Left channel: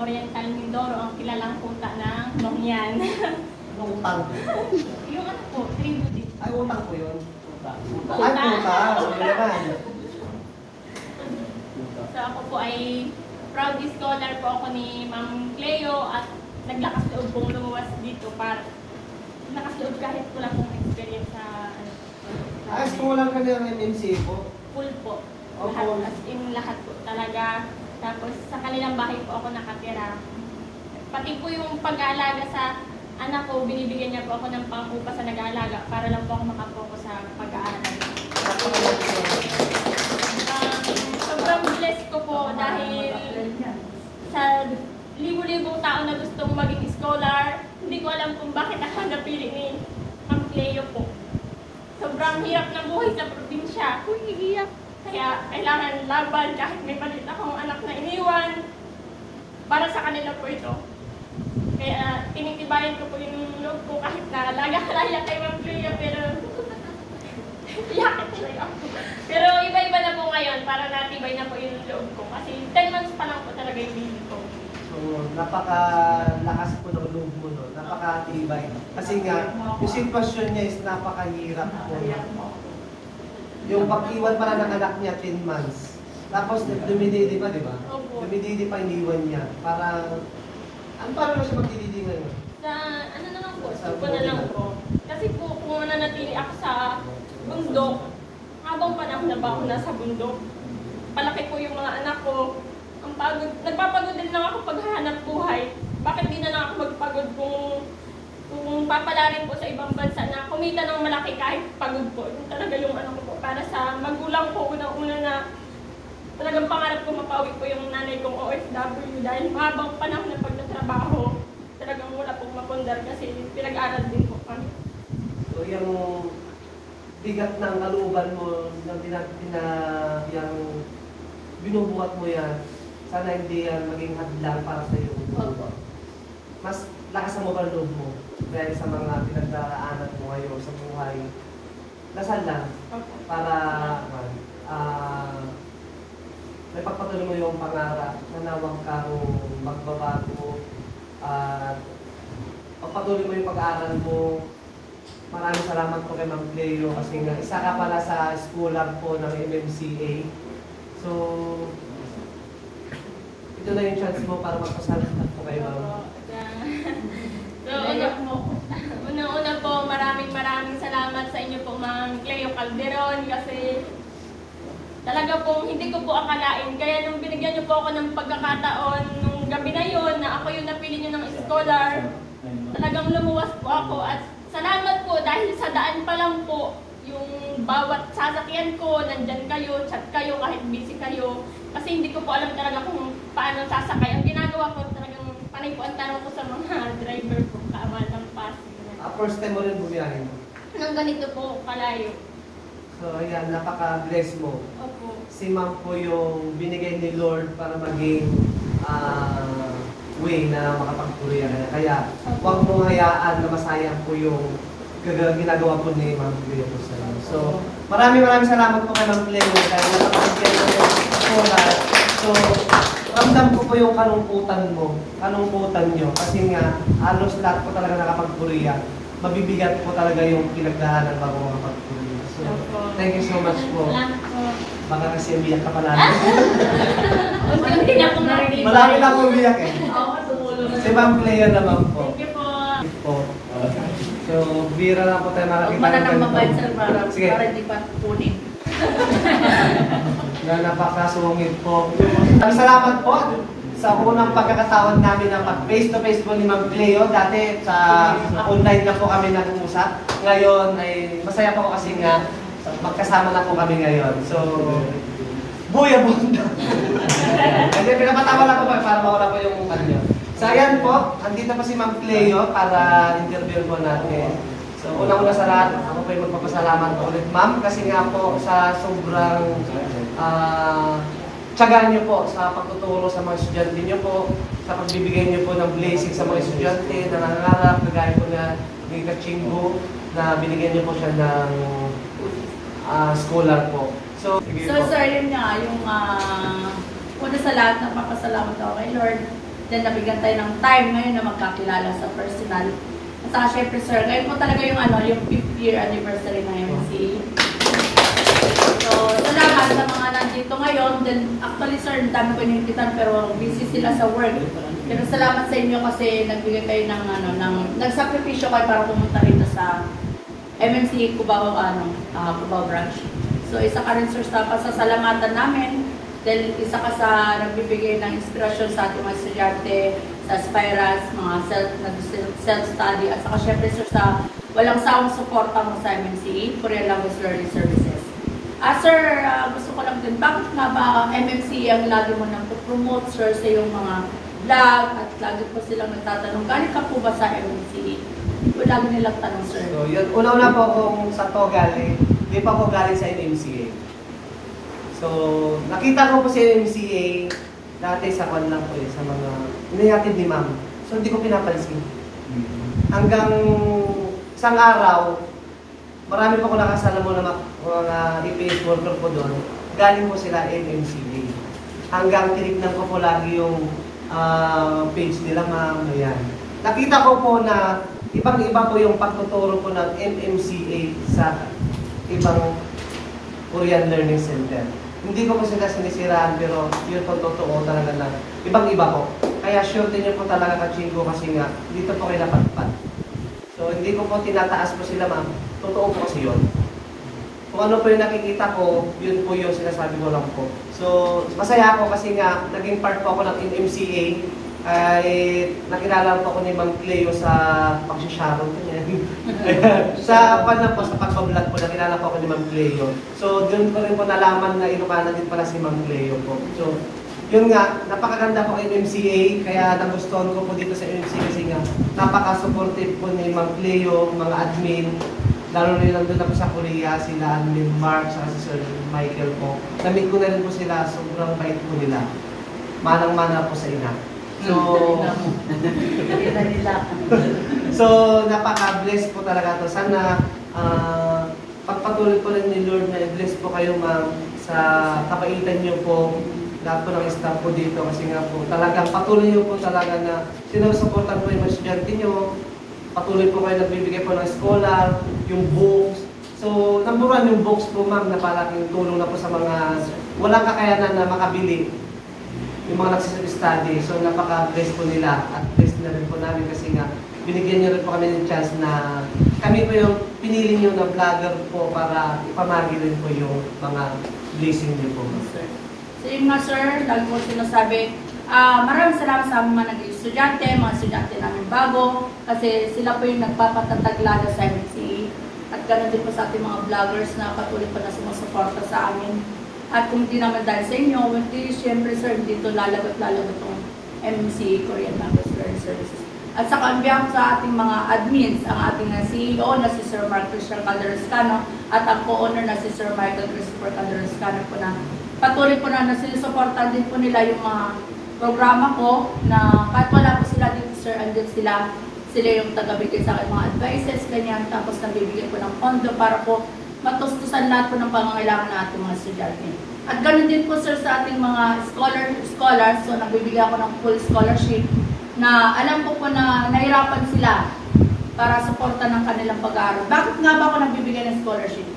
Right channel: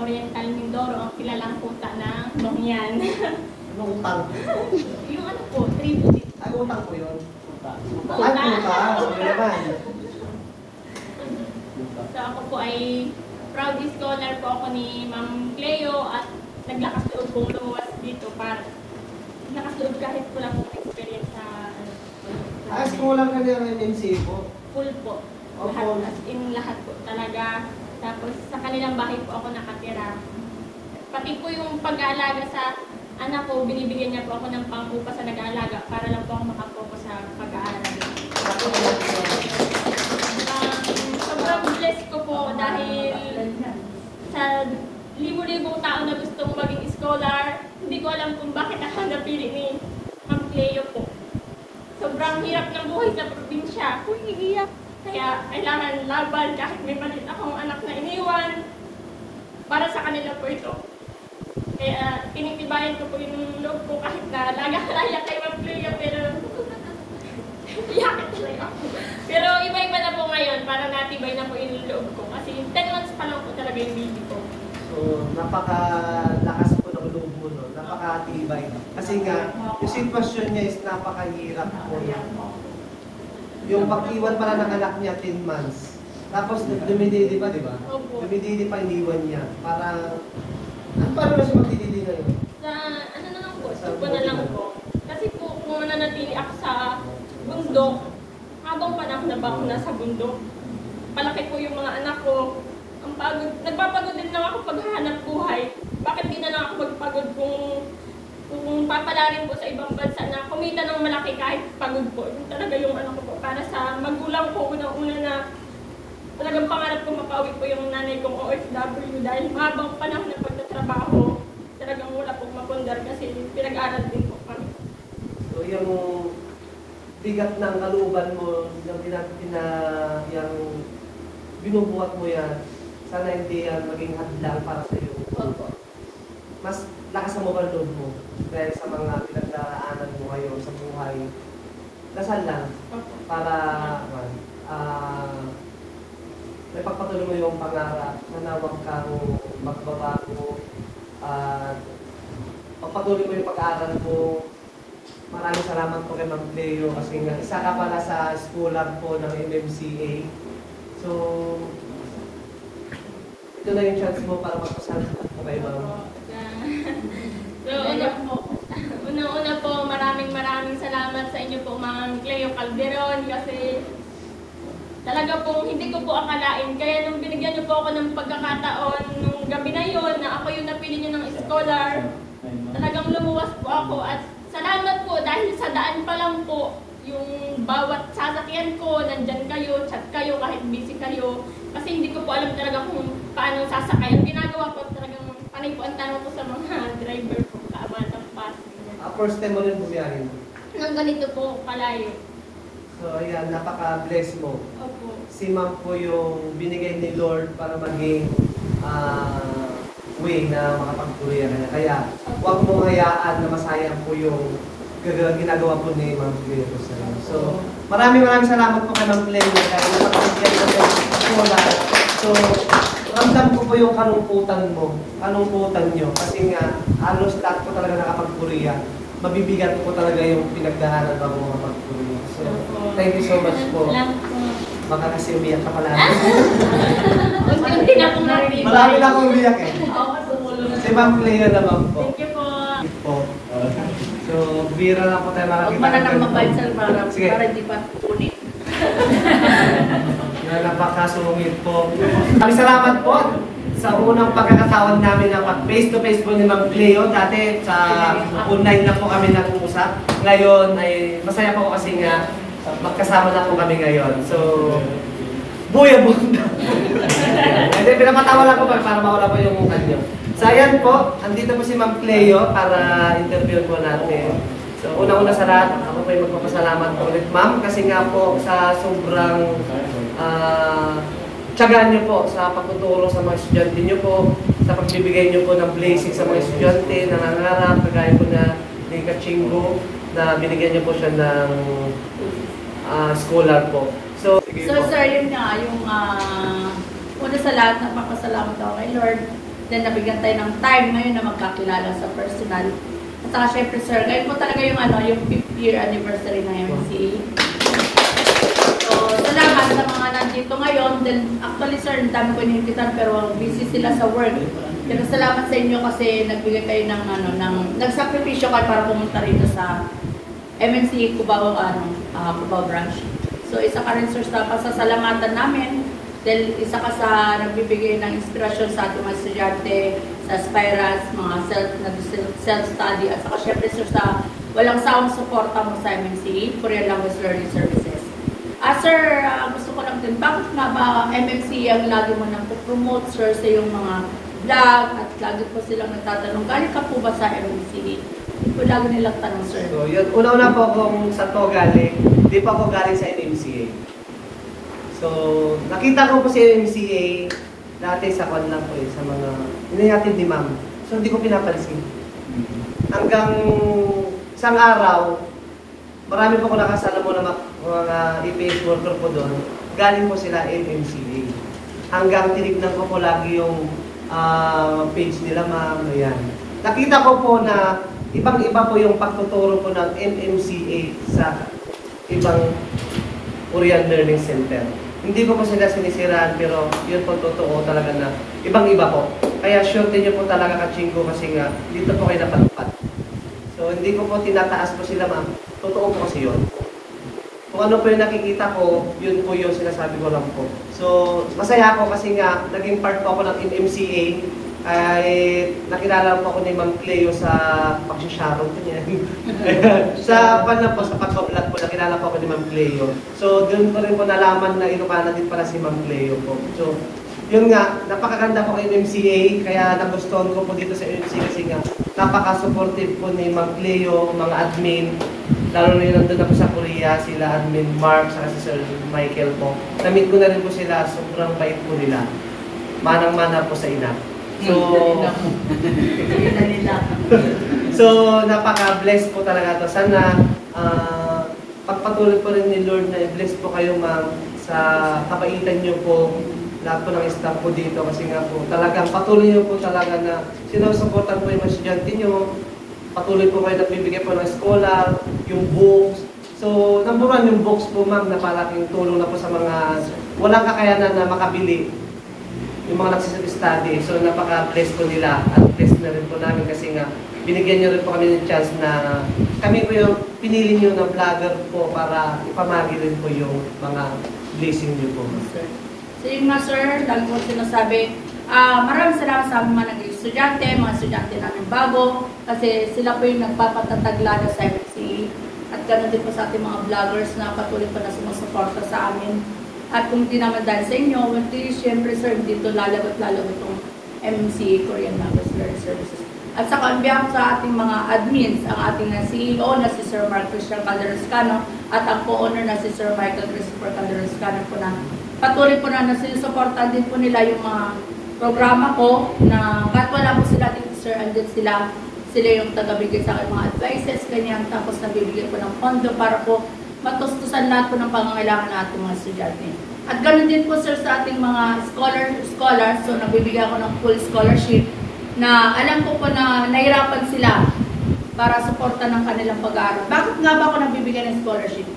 Oriental Mindoro, ang kilalang kuta ng Dongyan. Anong utang? Yung ano po, tribute. Ay, utang po yun. Kuta. Ay, puta. Ano naman? So ako po ay proud scholar po ako ni Ma'am Cleo at naglakas loob pong lumuwas dito para lakas loob kahit wala pong experience sa Ay, scholar ka niya ng MMC po. full po. Lahat, as in lahat po talaga. Tapos sa kanilang bahay po ako nakatira. Pati po yung pag-aalaga sa anak ko, binibigyan niya po ako ng pang-upa sa nag-aalaga para lang po ako makapokus sa pag-aaral. Sobrang blessed ko po dahil sa libo-libong tao na gustong maging scholar, hindi ko alam kung bakit ako napili ni Ma'am Cleo po. Sobrang hirap ng buhay sa probinsya. Iiyak. Kaya kailangan laban kahit may palit akong anak na iniwan. Para sa kanila po ito. Kaya tinitibayan ko po yung loob ko kahit na laga-laga kay Ma'am Cleo, pero iyakin talaga ako. Pero iba-iba na po ngayon para natibay na po yung loob ko. Kasi 10 months pa lang po talaga yung baby ko. So, napakalakas po ng loob mo, no? Napakatibay. Kasi nga, yung sitwasyon niya is napakahirap. Yung pag-iwan para ng anak niya 10 months. Tapos dumididi pa, di ba? Opo. Dumididi pa iniwan niya. Para, paano na siya magdididi ngayon? Sa ano na lang po, suko na lang po. Kasi po kung nanatili ako sa bundok, habang panahon na ba ako nasa bundok, palaki po yung mga anak ko. Ang pagod, nagpapagod din lang ako paghahanap buhay. Bakit di na lang ako magpagod kung papalarin po sa ibang bansa na kumita ng malaki kahit pagod po. Yung talaga yung ano ko po. Para sa magulang ko, unang-una na talagang pangarap ko mapauwi po yung nanay kong OFW dahil mahabang panahon na pagtatrabaho, talagang wala pong mapundar kasi pinag-aral din po kami. So, yung bigat ng kalooban mo, yung binubuhat mo yan, sana hindi yan maging hadlang para sa iyo. Opo. Mas lakasan mo ba ang loob mo dahil sa mga pinagdaanan mo ngayon sa buhay? Dasal lang Opo. para may pagpatuloy mo yung pangarap na nawag kang magbabago at pagpatuloy mo yung pag-aaral mo. Maraming salamat po kay Ma'am Cleo kasi nga isa ka pala sa scholar po ng MMCA. So, ito na yung chance mo para magpasalamat po kayo, Ma'am. So, unang-una po, maraming salamat sa inyo po, Ma'am Cleo Calderon, kasi talaga pong hindi ko po akalain. Kaya nung binigyan niyo po ako ng pagkakataon nung gabi na yon na ako yung napili niyo ng scholar, talagang lumuwas po ako. At salamat po dahil sa daan pa lang po, yung bawat sasakyan ko, nandyan kayo, chat kayo, kahit busy kayo. Kasi hindi ko po alam talaga kung paano sasakay. Ang ginagawa ko talagang panay po ang tanong ko sa mga driver ko, kaabatang Pasig. First time mo rin bumiyahin. Nang ganito po, kalayo. So, ayan, napaka-bless mo. Opo. Si Ma'am po yung binigay ni Lord para maging way na makapagpuloy ka. Kaya, huwag mong hayaan na masayang po yung ginagawa po ni Ma'am Cleo. So, maraming salamat po kay Ma'am Cleo dahil napapagyan ko po lahat. So, ramdam ko po yung kalungkutan mo, kalungkutan nyo. Kasi nga, halos lahat po talaga nakapagpuloy. Mabibigat po talaga yung pinagdaanan bago makapagpuloy. So, thank you so much po. Salamat po. Baka kasi umiyak ka pala. Unti-unti na pong natin. Marami na akong umiyak eh. Si Ma'am Cleo naman po. Thank you po. Po. So, bira lang po tayo makakita. Huwag manang mabansal para Sige. di pa kunin. Napakasungit po. Maraming salamat po sa unang pagkakataon namin na pag-face-to-face po ni Ma'am Cleo. Dati sa online na po kami nag-uusap. Ngayon ay masaya po kasi nga magkasama na po kami ngayon. So, buya bunda. Hindi, pinapatawa lang ko para mawala po yung mukha niyo. So, ayan po. Andito po si Ma'am Cleo para interview po natin. So, unang-una sa lahat, ako po yung magpapasalamat po ulit, Ma'am. Kasi nga po sa sobrang tiyagaan niyo po sa pagtuturo sa mga estudyante niyo po, sa pagbibigay niyo po ng blessing sa mga estudyante na nangangarap, kagaya po ni Kachingo, na binigyan niyo po siya ng scholar po. So, So sir, yun nga, yung una sa lahat, nagpapasalamat ako kay Lord Then nabigyan tayo ng time ngayon na magkakilala sa personal. At saka syempre sir, ngayon po talaga yung yung 5th year anniversary ng MMCA. So sa lahat sa mga nandito ngayon, then actually sir, ang dami ko inimbitan pero busy sila sa work. Pero salamat sa inyo kasi nagbigay kayo ng nagsakripisyo kayo para pumunta rito sa MMCA Cubao, Cubao branch. So isa ka rin sir sa pasasalamatan namin. Dahil isa ka sa nagbibigay ng inspirasyon sa ating mga estudyante, sa aspirants, mga self-study, at saka syempre sir sa walang sawang suporta mo sa MMCA, Korean Language Learning Services. Sir, gusto ko lang din, bakit nga ba MMCA ang lagi mo nang promote sir sa yung mga vlog at lagi po silang nagtatanong, galing ka po ba sa MMCA? Ito lagi nilang tanong sir. So yun, una-una po kung sa to galing, di pa ako galing sa MMCA. So, nakita ko po si MMCA dati sa kanila po sa mga inayatid ni ma'am. So, hindi ko pinapansin. Hanggang isang araw, marami po ko nakasala mo na mga EPS worker po doon. Galing po sila MMCA. Hanggang tinignan ko po lagi yung page nila ma'am. Ayan. Nakita ko po na ibang-iba po yung pagtuturo po ng MMCA sa ibang Korean Learning Center. Hindi ko po sila sinisiraan pero yun po totoo talaga na ibang-iba po. Kaya sure din nyo po talaga kachingko kasi nga dito po kayo napatpat. So hindi ko po tinataas po sila mga totoo po kasi yun. Kung ano po yung nakikita ko, yun po yung sinasabi ko lang po. So masaya ako kasi nga naging part po ako ng MMCA. Ay nakilala po ako ni Ma'am Cleo sa pagsisharon ko niya. Sa po, sa pagka-vlog po, nakilala po ako ni Ma'am Cleo. So doon ko rin po nalaman na Ilocana din pala si Ma'am Cleo po. So yun nga, napakaganda po ng MMCA, kaya nagustuhan ko po dito sa MMCA kasi nga napaka-supportive po ni Ma'am Cleo, mga admin. Lalo na nandun na po sa Korea, sila admin Mark, saka si Sir Michael po. Namit ko na rin po sila, sobrang bait po nila. Manang-mana po sa ina. So, napaka-bless po talaga to. Sana pagpatuloy po rin ni Lord na bless po kayo ma'am sa kabaitan nyo po, lahat po ng staff po dito kasi nga po talagang patuloy nyo po talaga na sinusuportan po yung mga estudyante nyo, patuloy po kayo nagbibigay po ng scholar, yung books. So, number one, yung books po ma'am na palaking tulong na po sa mga walang kakayanan na makabili. Yung mga nagsisag-study. So, napaka-bless po nila at bless na rin po namin kasi nga binigyan nyo rin po kami ng chance na kami po yung pinili nyo na vlogger po para ipamagi rin po yung mga blessing nyo po. Sir. So yung mga sir, lagi po sinasabi, maraming salamat sa mga naging estudyante, mga estudyante namin bago kasi sila po yung nagpapatatag lalo sa MMCA at ganoon din po sa ating mga vloggers na patuloy po na sumusuporta sa amin. At kung di naman dahil sa inyo, siyempre sir, dito lalagot-lalagot itong MMCA Korean Language Learning Services. At sa kanbiyang sa ating mga admins, ang ating CEO na si Sir Mark Christian Calderoscano at ang co-owner na si Sir Michael Christopher Calderoscano po na patuloy po na sinusuportan din po nila yung mga programa ko na kahit wala po sila dito sir, andun sila yung tagabigay sa akin mga advices, ganyan, tapos nabibigyan po ng pondo para po matustusan lahat po ng pangangailangan natin mga estudyante. At ganoon din po sir sa ating mga scholars, so nabibigyan ako ng full scholarship na alam ko po na nahirapan sila para suporta ng kanilang pag-aaral. Bakit nga ba ako nagbibigay ng scholarship?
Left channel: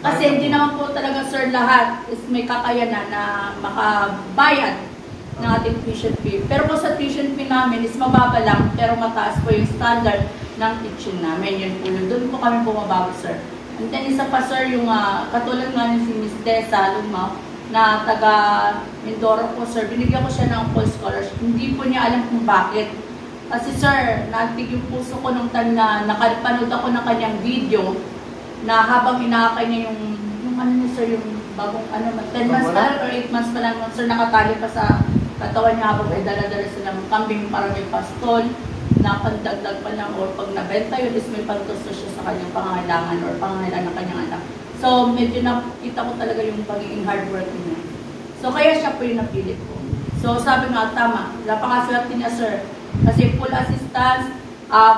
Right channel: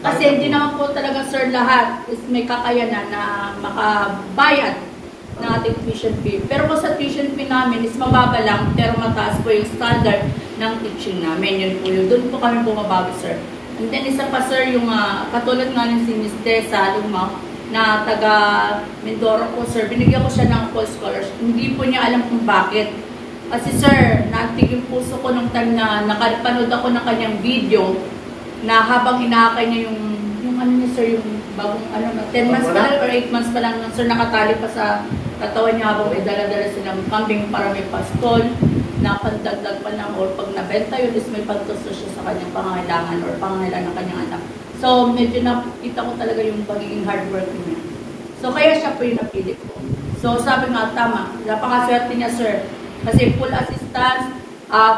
Kasi hindi naman po talaga sir lahat is may kakayanan na makabayad ng ating tuition fee. Pero po sa tuition fee namin is mababa lang pero mataas po yung standard ng teaching namin. Yun po yun. Doon po kami bumabago sir. And then isa pa sir, yung katulad nga ni si Miss Desa Lumaw na taga Mindoro po sir, binigyan ko siya ng full scholarship. Hindi po niya alam kung bakit. Kasi sir, naantig yung puso ko nung time na nakapanood ako ng kanyang video na habang inaakay niya yung ano niya sir, yung bagong 10 months pa lang or 8 months pa lang sir, nakatali pa sa katawan niya habang may dala-dala silang kambing para may pastol na pandagdag pa lang or pag nabenta yun is may pantusto siya sa kanyang pangangailangan or pangangailangan ng kanyang anak. So medyo nakita ko talaga yung pagiging hardworking niya. So kaya siya po yung napili ko. So sabi nga tama, napakaswerte niya sir. Kasi full assistance,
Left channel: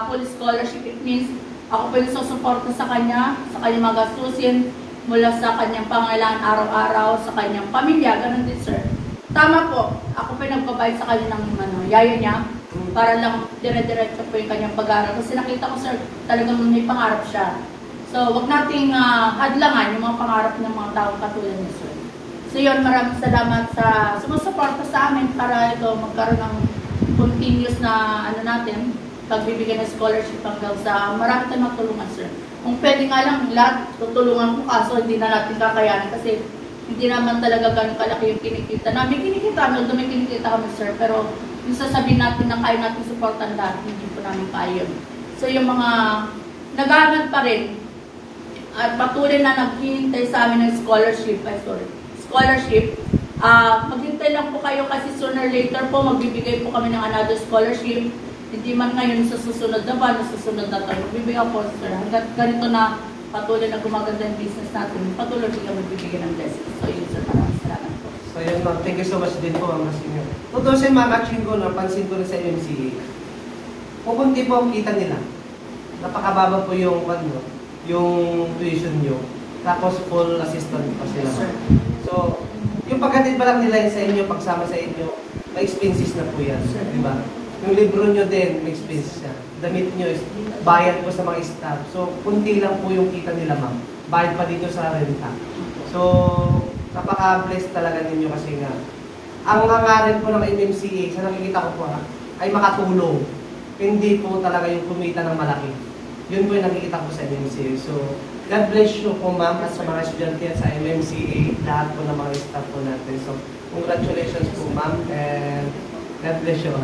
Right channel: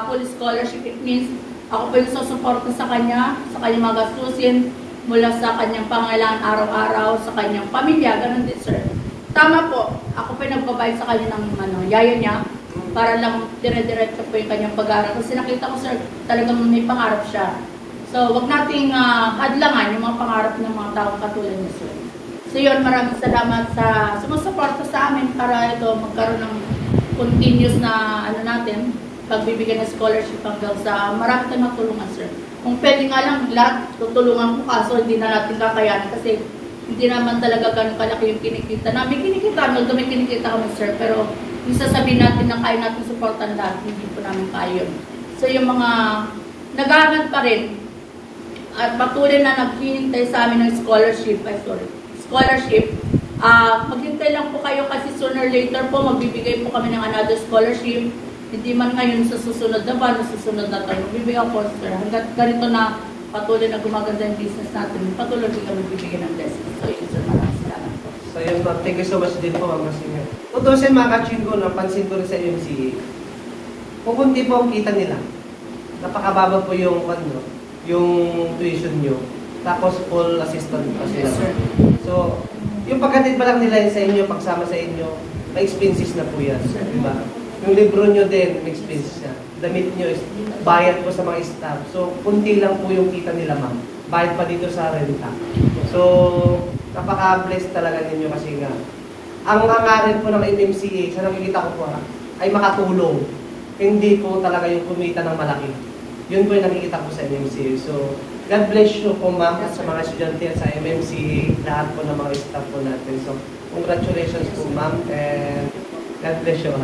full scholarship, it means ako po yung susuporta sa kanya mga gastusin mula sa kanyang pangangailangan araw-araw, sa kanyang pamilya, ganun din sir. Tama po, ako ako pa yung nagbabayad sa kanya ng yaya niya para lang dire-diretso po yung kanyang pag-aaral. Kasi nakita ko, sir, talagang may pangarap siya. So, wag nating hadlangan yung mga pangarap ng mga taong katulad niyo, sir. So, yun, maraming salamat sa sumusuporta sa amin para ito magkaroon ng continuous na natin, pagbibigay ng scholarship hanggang sa marami tayong matulungan, sir. Kung pwede nga lang lahat, tutulungan ko kaso hindi na natin kakayanan kasi hindi naman talaga ganun kalaki yung kinikita namin. Kinikita namin, may kinikita kami, sir, pero yung sasabihin natin na kaya natin supportan lahat, hindi po namin kaya yun. So yung mga nag-aaral pa rin at patuloy na naghihintay sa amin ng scholarship, maghintay lang po kayo kasi sooner or later po magbibigay po kami ng another scholarship. Hindi man ngayon sa susunod na ba, susunod na tayo. Magbibigay po, sir. Hanggang ganito na patuloy na gumaganda yung business natin, patuloy din kami magbibigay ng blessing. So yun, sir, maraming salamat po. So yun, ma'am. Thank you so much din po, Ma'am Masina. Tutusin, mga kachingo, pansin ko rin sa MCA. Kung kunti po ang kita nila, napakababa po yung tuition nyo. Tapos full assistant pa sila. Yes, sir. So, yung pagkatid pa lang nila sa inyo, pagsama sa inyo, may expenses na po yan. Diba? Yung libro nyo din, may expenses yan. Damit nyo is bayad po sa mga staff. So, kunti lang po yung kita nila, ma'am. Bayad pa dito sa renta. So, napaka-blessed talaga ninyo kasi nga. Ang hangarin po ng MMCA, sa nakikita ko po ay makatulong. Hindi po talaga yung kumita ng malaki. Yun po yung nakikita ko sa MMCA. So, God bless you po, ma'am, at sa mga estudyante sa MMCA, lahat po ng mga staff po natin. So, congratulations po, ma'am, and God bless you all.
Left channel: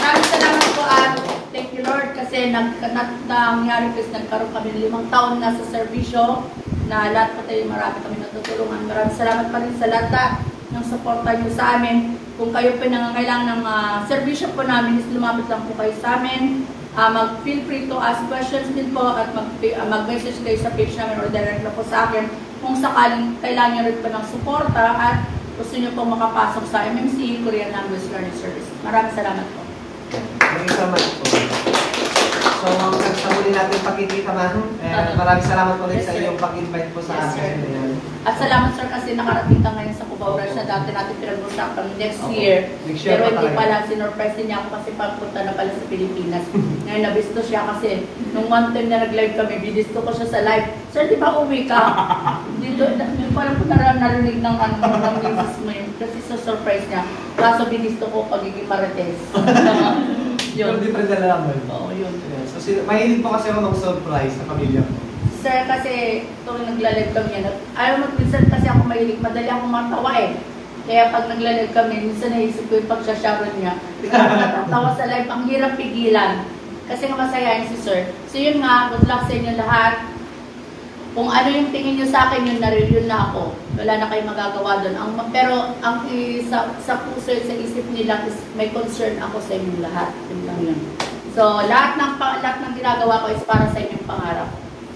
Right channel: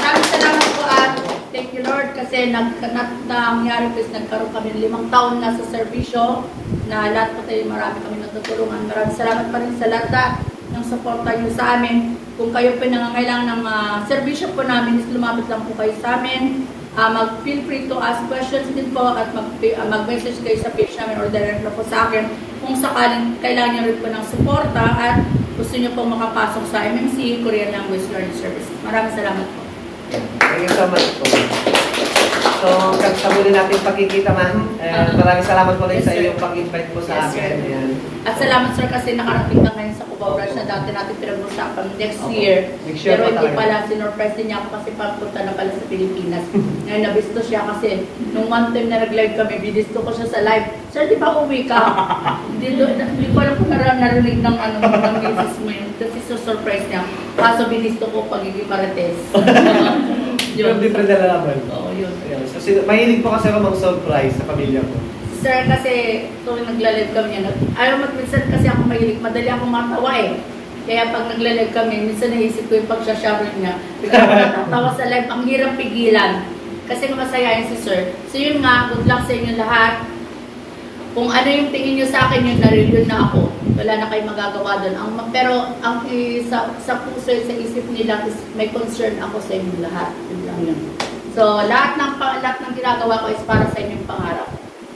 Maraming salamat po at thank you, Lord, kasi nangyari po is nagkaroon kami ng 5 taon na sa serbisyo na lahat po tayo marami kami natutulungan. Maraming salamat pa rin sa lahat ng suporta nyo sa amin. Kung kayo po nangangailangan ng serbisyo po namin, is lumapit lang po kayo sa amin. Feel free to ask questions din po at mag-message kayo sa page namin or direct na po sa akin kung sakaling kailangan nyo rin po ng suporta at gusto nyo pong makapasok sa MMC, Korean Language Learning Service. Maraming salamat po. Thank you so much po. So, sa muli natin pagkikita, ma'am. Maraming salamat po rin sa iyong pag-invite po sa akin. Ayan. At salamat, sir, kasi nakarating ka ngayon sa Cubao Rush na dati natin pinag-usapan next year. Pero hindi pala, sinurprise niya ako kasi papunta na pala sa Pilipinas. Ngayon, nabisto siya kasi nung one time na nag-live kami, binisto ko siya sa live. Sir, di ba uwi ka? Hindi ko alam kung narinig ng misis mo yun. Kasi surprise niya. Kaso binisto ko pagiging marites. Yung different na naman. Oo, yun. Yes. So, mahilig po kasi ako mag-surprise sa pamilya ko. Sir, kasi tuwing nagla-live kami, ayaw mo, minsan kasi ako mahilig, madali ako matawa eh. Kaya pag nagla-live kami, minsan naisip ko yung pag-shower niya. Bigla ako natatawa sa live, ang hirap pigilan. Kasi nga masayahin si sir. So yun nga, good luck sa inyo lahat. Kung ano yung tingin nyo sa akin, yun na-review na ako. Wala na kayong magagawa doon. Pero ang sa puso, sa isip nila, is may concern ako sa inyong lahat. So lahat ng ginagawa ko is para sa inyong pangarap.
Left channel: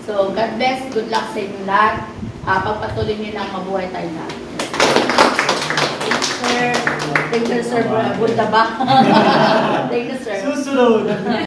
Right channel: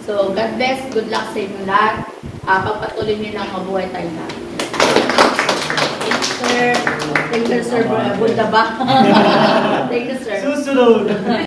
So God bless, good luck sa inyong lahat. Pagpatuloy nyo lang, mabuhay tayo lahat. Thank you, sir. Thank you, sir. Bunda ba? Thank you, sir. Susunod!